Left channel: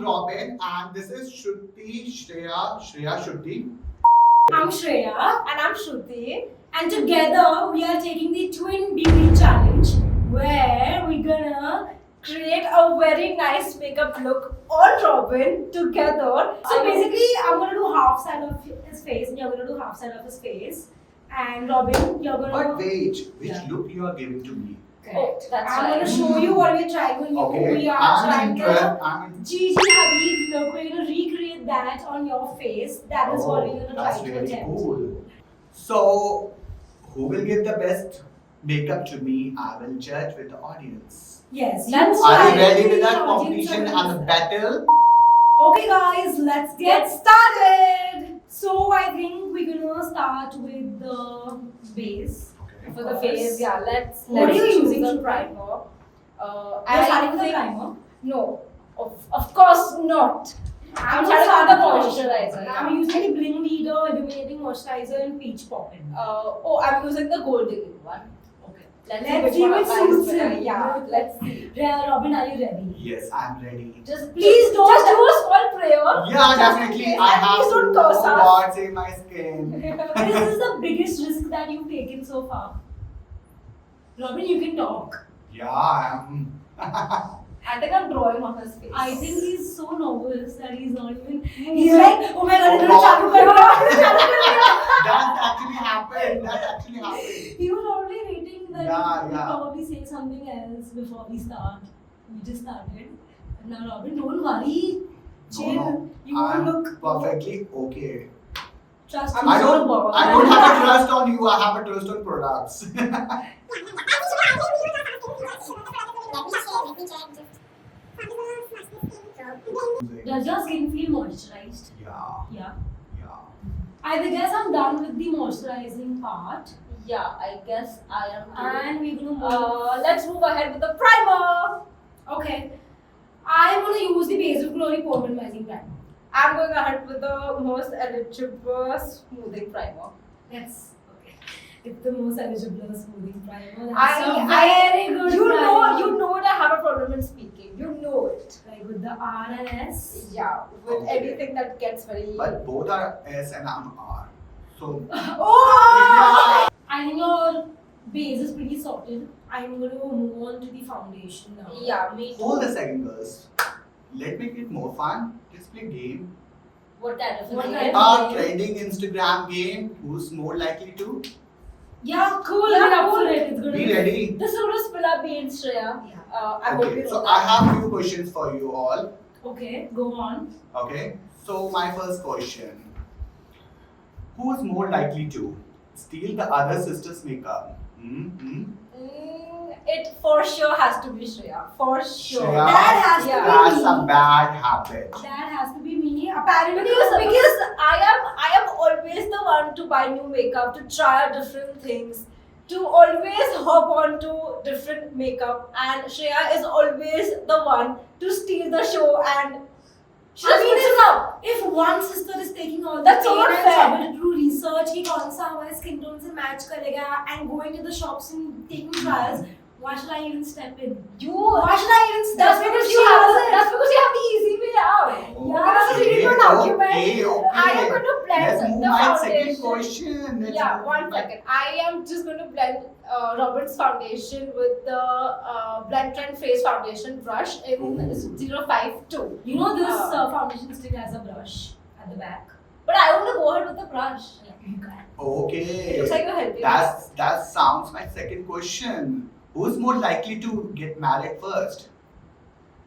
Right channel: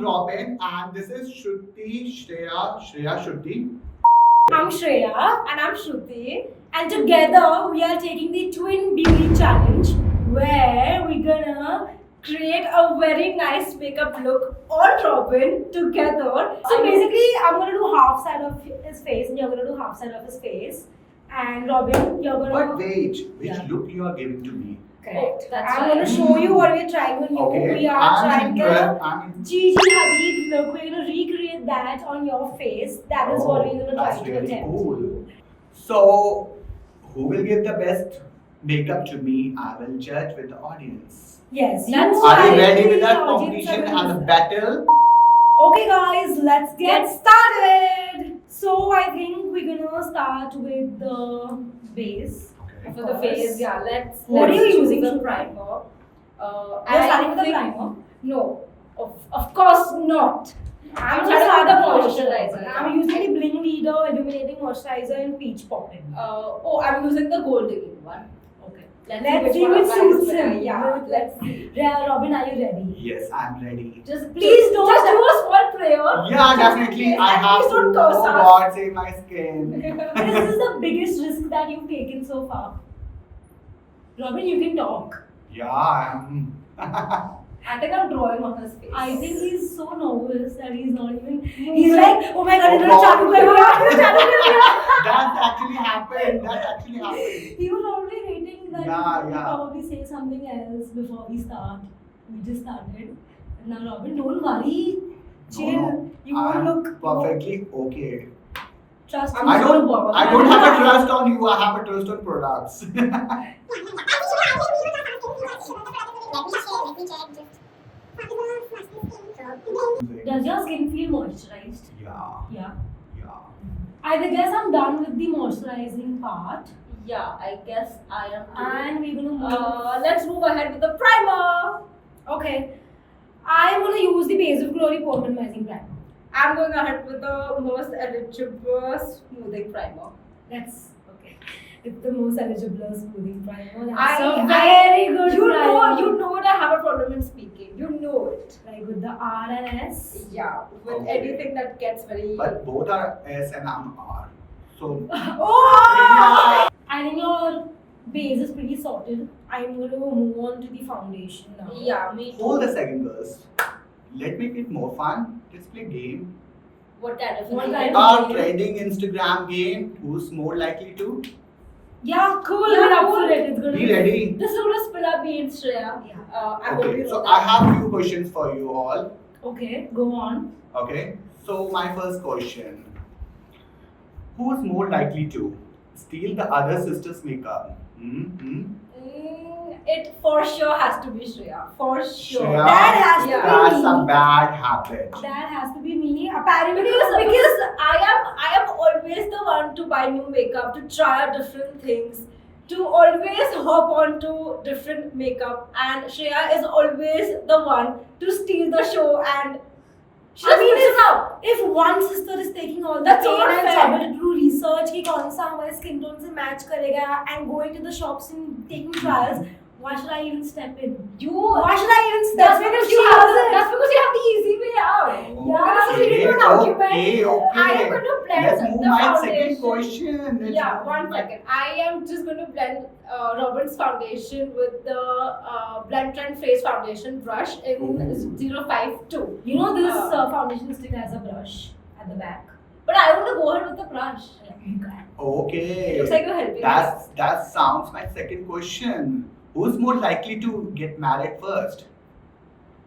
I'm Robin, and this is Shreya, Shruti. I'm Shreya. And I'm Shruti. And together we are taking the Twin Beauty Challenge where we're gonna create a very nice makeup look on Robin together. So basically, I'm gonna do half side of his face and you're gonna do half side of his face. And Robin, you're gonna. But wait, which look you are giving to me? Correct. That's I'm right. gonna show you what we're trying on you. Okay, We are I'm trying interested. to Gigi Hadid look. We're gonna recreate that on your face. That is what we're gonna try That's to really attempt. cool. So, who will give the best makeup to me? I will judge with the audience. Yes, That's you Are you are ready with the that audience competition are and the gonna- battle? Okay, guys, let's get started. So I think we're gonna start with the base. Okay. For the face, yeah, let's. What let's are you choose using the to primer? You're starting with the think- primer. No, of course not. I'm gonna starting with the moisturizer. moisturizer. I'm using the Bling Leader Illuminating Moisturizer and Peach Poppin'. I'm using the gold digging one. Okay. Let's see which suits him. him. Yeah, let's see. Robin, are you ready? Yes, I'm ready. Just Please don't- just do a small prayer. Yeah, Just definitely. in case, I and have please to. don't Oh curse us. God, save my skin. This is the biggest risk that you've taken so far. Robin, you can talk. Yeah, I'm. I think I'm drawing on his face. I think he's so nervous that he's not even. He's like, oh my god, Oh it's God. chalu kar diya, chalu kar diya. That actually happened. That actually happened. He was already waiting that Yeah, we would yeah. probably say something else before we start. We just started. Now, Robin, don't worry. Chill. No, You won't I'm look perfectly okay. Trust I'm me. I don't. bother. I don't have a trust on you. I have a trust on products. Does your skin feel moisturized? Yeah, Yeah. yeah. I guess I'm done with the moisturizing part. Yeah, I guess I am. And we're gonna move. Let's move ahead with the primer. Okay. I'm gonna use the Base of Glory Pore Minimizing Primer. I'm going ahead with the most eligible smoothing primer. That's okay. It's the most eligible smoothing primer. I- That's a I- very good You primer. know it. I have a problem in speaking. You know it. Like with the R and S. Yeah, with Okay. anything that gets very. But both are S and I'm R. So Oh! I think your base is pretty sorted. I'm going to move on to the foundation now. Yeah, me. hold a second, girls. Let's make it more fun. Let's play game. What kind of? What thing? kind A trending Instagram game. Who's more likely to? Yeah, cool. Yeah, We're up cool. for it. It's gonna Be ready. This is gonna spill our beans, Shreya. Yeah. I hope Okay. you know So that. I have few questions for you all. Okay, go on. Okay. So my first question: who is more likely to steal the other sister's makeup? It for sure has to be Shreya. For sure. Shreya, That has to Yeah. be that's a me. bad habit. That has to be me. Apparently, Because I am always the one to buy new makeup, to try out different things, to always hop onto different makeup, and Shreya is always the one to steal the show and she I just mean, puts it out. if one sister is taking all the That's pain not and fair. trouble to do research कि कौन सा हमारे skin tone से match करेगा and going to the shops and taking trials, why should I even step in? Why should I even step That's in if because she you does have it? that's because you have the easy way out. Yeah, that's what you need to argument. Okay. I am going to blend Let's move the my foundation. second question. Let's Yeah, move one my- second. I am just going to blend Robin's foundation with the Blend Trend Face Foundation brush in Ooh. 052. You know this foundation stick has a brush at the back. But I want to go ahead with the brush. Okay. Looks like you're helping. That sounds my second question. Who's more likely to get married first?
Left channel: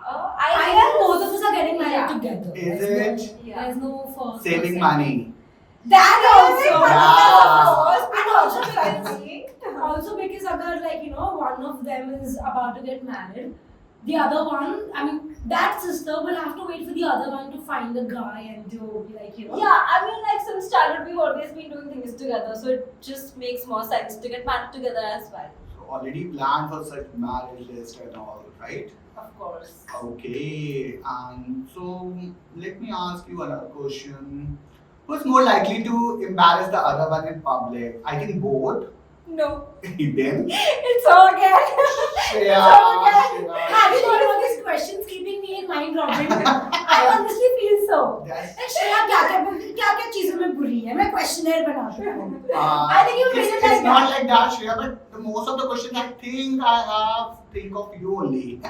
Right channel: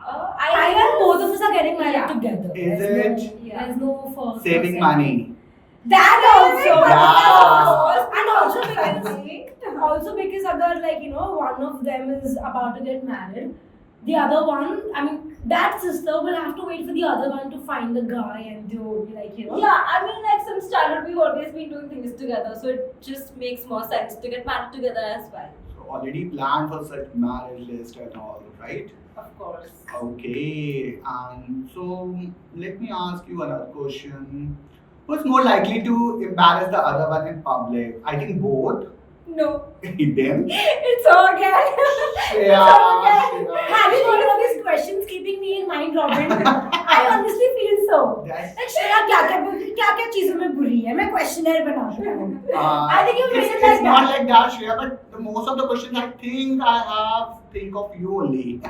I think both of us are getting married Yeah. together. Is There's it? No, there's no first. Saving or money. That also. Yeah. And also because agar like one of them is about to get married, the other one, I mean that sister will have to wait for the other one to find a guy and to be like Yeah, I mean, like since childhood, we've always been doing things together, so it just makes more sense to get married together as well. So already planned for such marriage list and all, right? Of course. Okay. So let me ask you another question. Who's more likely to embarrass the other one in public? I think both. No, Them. it's all again. Shreya, okay. Shreya. Having all of these questions keeping me in mind mind, Robin. I honestly feel so. That's- Like Shreya क्या चीजों में बुरी है? मैं questionnaire बनाता हूँ. I think you made it it's like not that. like that, Shreya, but the most of the questions I think I have think of you only.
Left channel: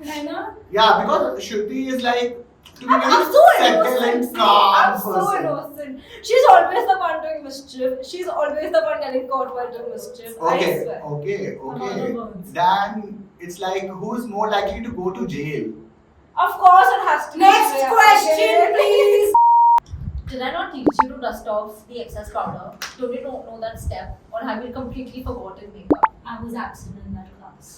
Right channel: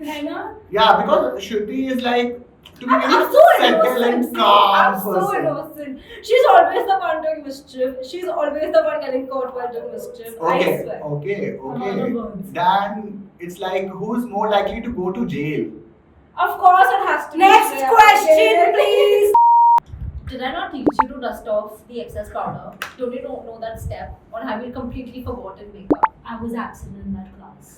है ना? Yeah, because Shruti is like to be I'm very so settled innocent. and See, calm I'm so person. innocent. She's always the one doing mischief. She's always the one getting caught while doing mischief. I Okay, swear. okay, Another okay. words. Then it's like who's more likely to go to jail? Of course, it has to. be Next Shreya. question, please. Did I not teach you to dust off the excess powder? Don't you know that step? Or have you completely forgotten makeup? I was absent in that class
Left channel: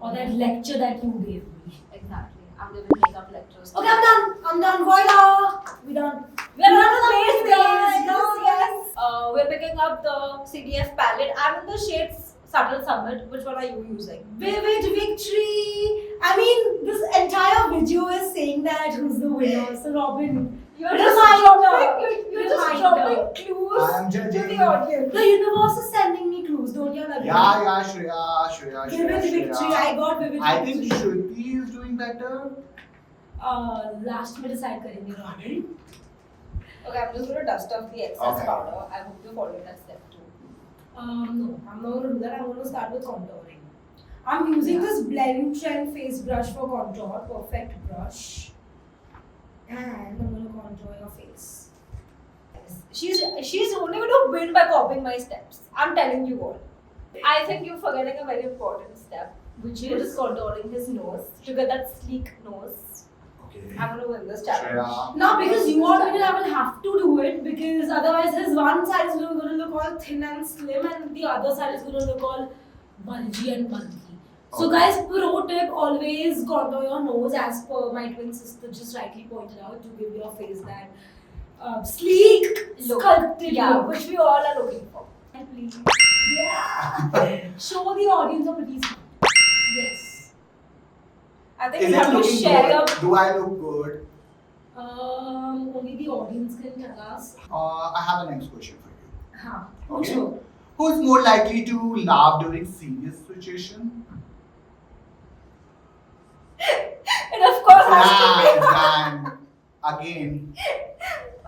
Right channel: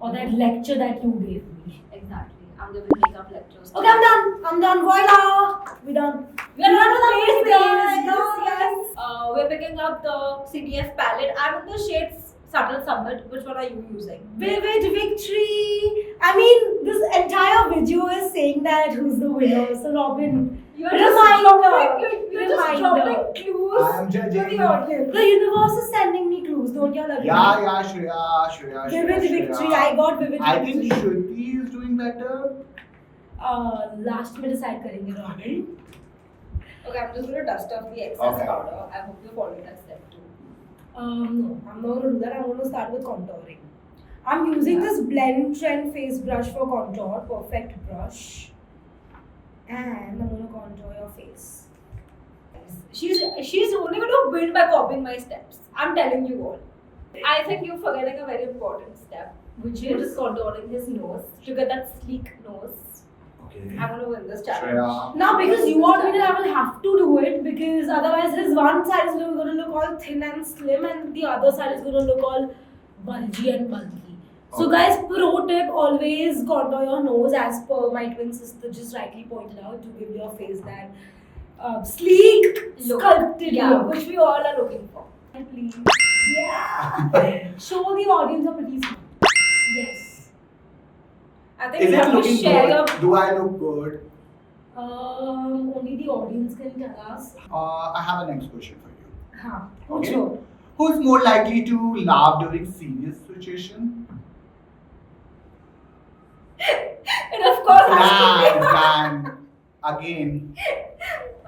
or that lecture that you gave me. Exactly. I'm giving makeup lectures. Okay, I'm done. I'm done. Voila. We done. We're done on the with face, the guys. base. Yes. We're picking up the CDF palette. I'm in the shades Subtle Summit. Which one are you using? Vivid victory. I mean, this entire video is saying that who's the winner. So Robin, You're Reminder. You're just Reminder. dropping clues I'm to judging. the audience. the universe is sending me clues. Don't you agree? Yeah, Shreya. Vivid victory. I got vivid I victory. think Shruti is doing better. Last में decide करेंगे Robin. Okay, I'm just going to dust off the excess Okay. powder. I hope you follow that step too. No, I'm not gonna do that. I'm gonna start with contouring. I'm using this Blend Trend face brush for contour, perfect brush, and I'm gonna contour your face. She's only going to win by copying my steps. I'm telling you all. I think you're forgetting a very important step, Which which is is contouring his nose to get that sleek nose. Okay. I'm going to win this challenge. Shreya. now because you want me to, I will have to do it because otherwise his one side is gonna look all thin and slim, and the other side is gonna look all bulgy and bulky. So Okay. guys, pro tip: always contour your nose as per my twin sister just rightly pointed out to give your face that sleek, Look. sculpted Yeah, look. which we all are looking for. Please. Yeah. Show the audience a pretty smile. Yes. I think Is you it have to looking share good? your. Do I look good? Only the audience can tell us. I have a next question for you. Huh. Okay. Sure. Who's more likely to laugh during serious situation? And of course, has to Plan. Again. be.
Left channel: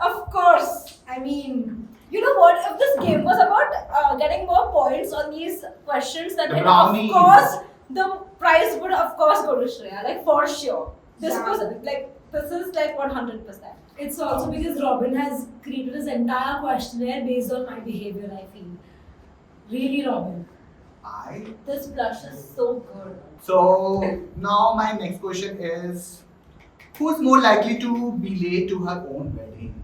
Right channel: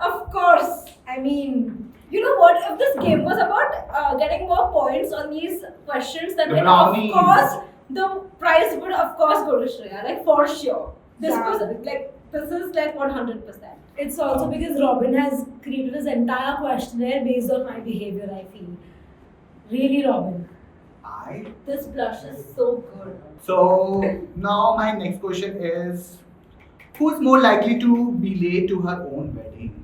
Of course. I mean, You know what? If this game was about getting more points on these questions, then The of brownies. course the prize would of course go to Shreya, like for sure. This Yeah. was like this is like 100%. it's also because Robin has created his entire questionnaire based on my behavior, I feel. Really, Robin. This blush is so good. So now my next question is, who's more likely to be late to her own wedding?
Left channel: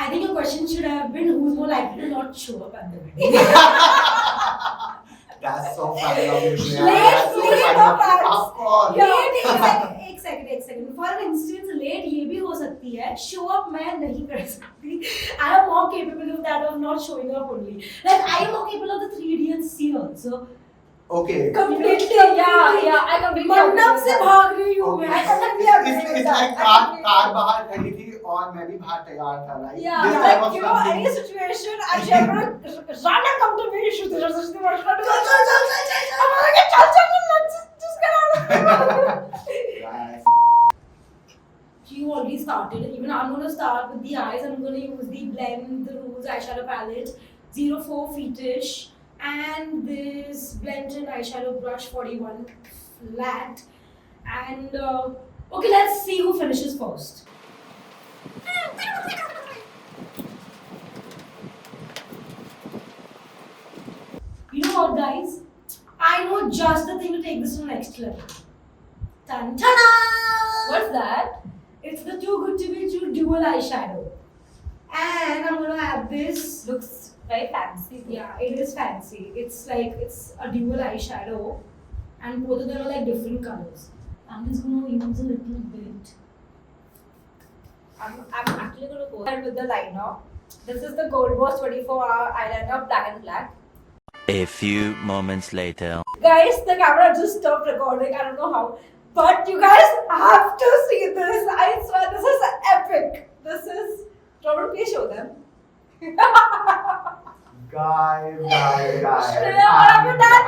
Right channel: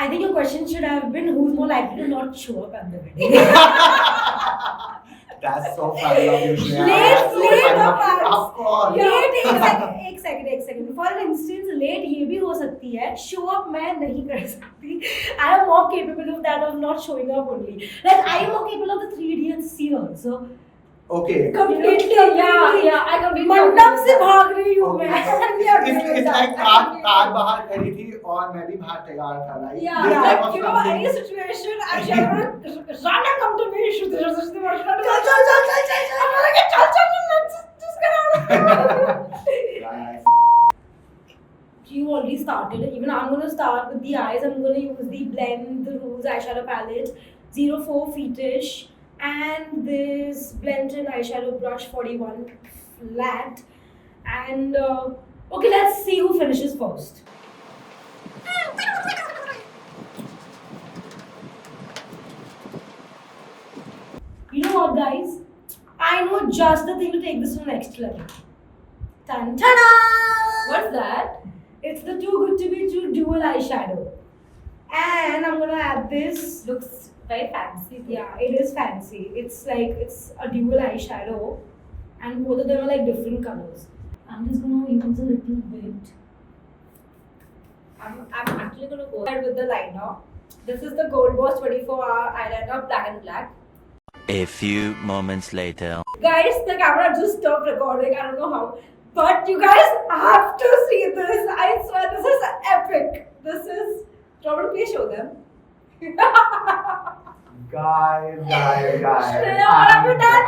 I think your question should have been who's more likely to not show up at the wedding. That's so funny of you, Shreya. Late, That's so late funny of us. Of course. Late एक second. For instance, late ये भी हो सकती है. Show up मैं नहीं कर सकती. I am more capable of that, of not showing up only. Like I am more capable of the 3 idiots scene also. Okay. Completely, yeah, I completely मंडप agree से with भाग रही हूँ Okay. मैं. It's like कार बाहर खड़ी थी और मैं भी बाहर तैयार था, right? Yeah, This type like of you know, something. any situation, actually, I'm gonna run and come to me. Shruti, चल. I'm gonna get just get out of here. Right. You already started. Even I'm going to start with the eyes. I'm going to use the Blend the Rose eyeshadow palette 04 Fetish and this Blend and eyeshadow brush 41 flat. And okay, let's see who finishes first. You know what, guys? I know just the thing to take this to the next level. Tan ta What's that? It's the Too Good to Be True dual eyeshadow. And I'm gonna add this. Looks very fancy. Yeah, it is fancy. It's like it's a dual eyeshadow, and both of them are like different colors. I'm just gonna use a little bit. I'm actually gonna go ahead with the liner. This is the Gold Boss 24-hour eyeliner, black and black. A few moments later. Guys, the camera just stopped recording. I don't know how. But you guys have to see this. I swear, this is epic. This is. Robin, please show them. Guys. Shreya, what have you done?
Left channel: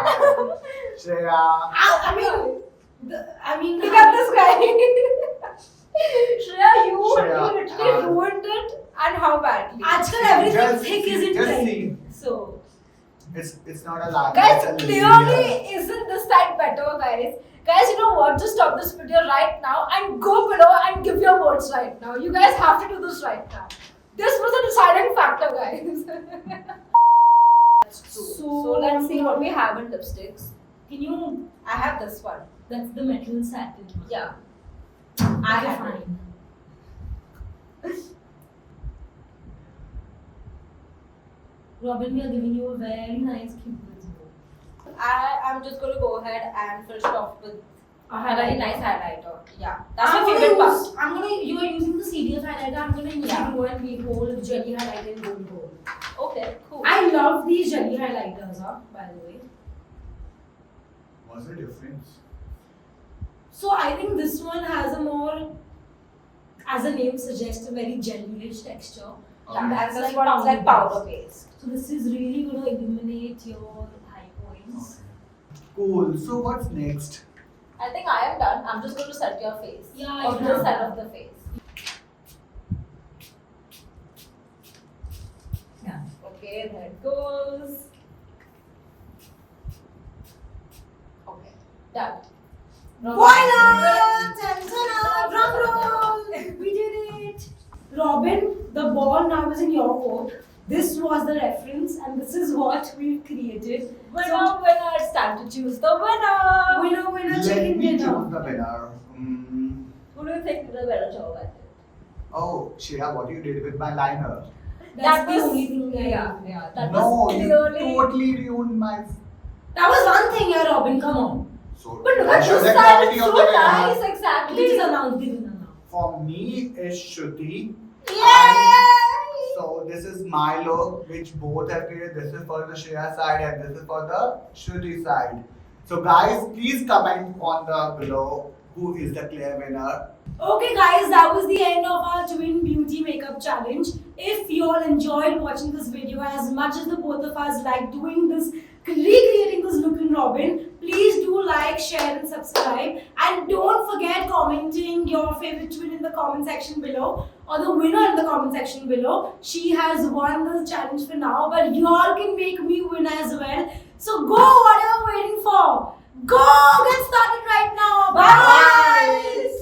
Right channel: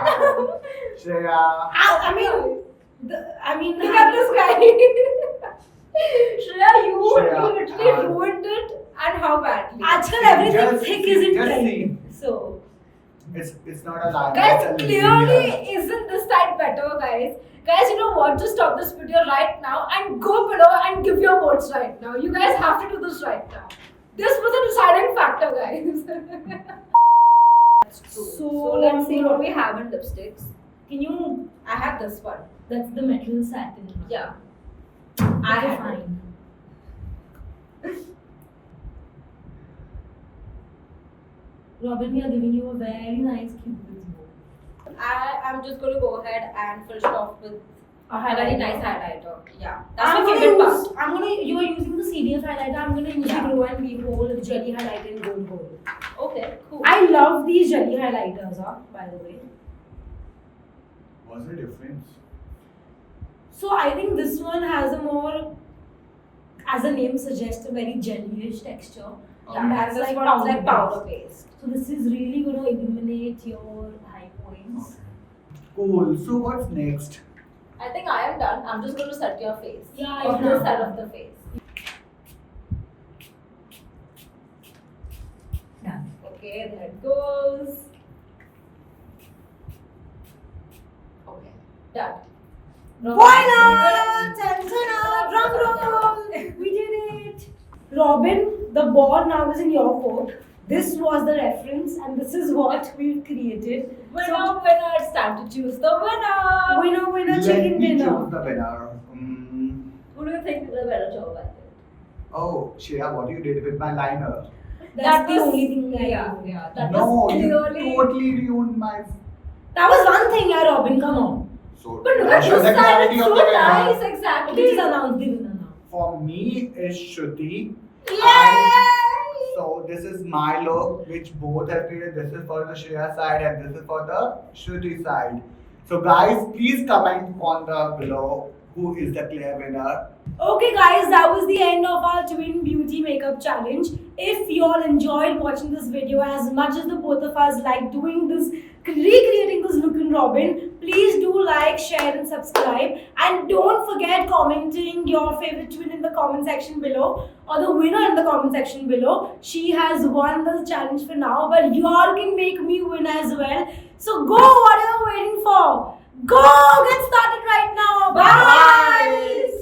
Shreya. I mean, Look at this guy. and how badly. Actually, everything Just thick see, is in just trend. see. So, It's not a lie. Guys, it's a clearly layer. isn't this side better, guys? Guys, you know what? Just stop this video right now and go below and give your votes right now. You guys have to do this right now. This was a deciding factor, guys. So let's see what we have in lipsticks. can you? I have this one. That's the metal satin. Yeah. I I have fine. Robin, we are giving you a very nice cupid's bow. I'm just going to go ahead and finish it off with A a very highlighter. nice highlighter. Yeah. That's I'm my gonna favorite use. part. I'm gonna. You are using the CDF highlighter. I'm gonna use Yeah. the Glow and Be Bold jelly highlighter in gold gold. Okay, cool. I love these jelly highlighters, by the way. What's the difference? So I think this one has a more, as the name suggests, a very jellyish texture. Yeah, that's this like one is like powder powder paste. So this is really going to illuminate your high points. Cool. So what's next? I think I am done. I'm just going to set your face. Yeah, On yeah. this side of the face. Done. Okay, there it goes. Okay, done. Voila! Drum roll! We did it! Robin, the ball now is in your court. This was the reference, and this is what we created. Winner, winner, it's time to choose the winner. Winner, winner, Let chicken me dinner. choose the winner. Who do you think did a better job at it? Oh, Shreya, what you did with my liner? That's That the was- only thing I Yeah, do. yeah. That No, was you clearly. totally ruined my. That was one thing, yeah, Robin, come on. So But look I at show this the side, clarity it's of so the winner. nice, exactly. Please announce the winner now. For me, is Shruti. Yay! So this is my look, which both have created. This is for the Shreya side and this is for the Shruti side. So guys, please comment on the below who is the clear winner. Okay, guys, that was the end of our twin beauty makeup challenge. If you all enjoyed watching this video as much as the both of us like doing this, recreating this look in Robin, please do like, share, and subscribe. And don't forget commenting your favorite twin in the comment section below, or the winner in the comment section below. She has won the challenge for now, but you all can make me win as well. So go, what are you waiting for? Go, get started right now. Bye. Bye.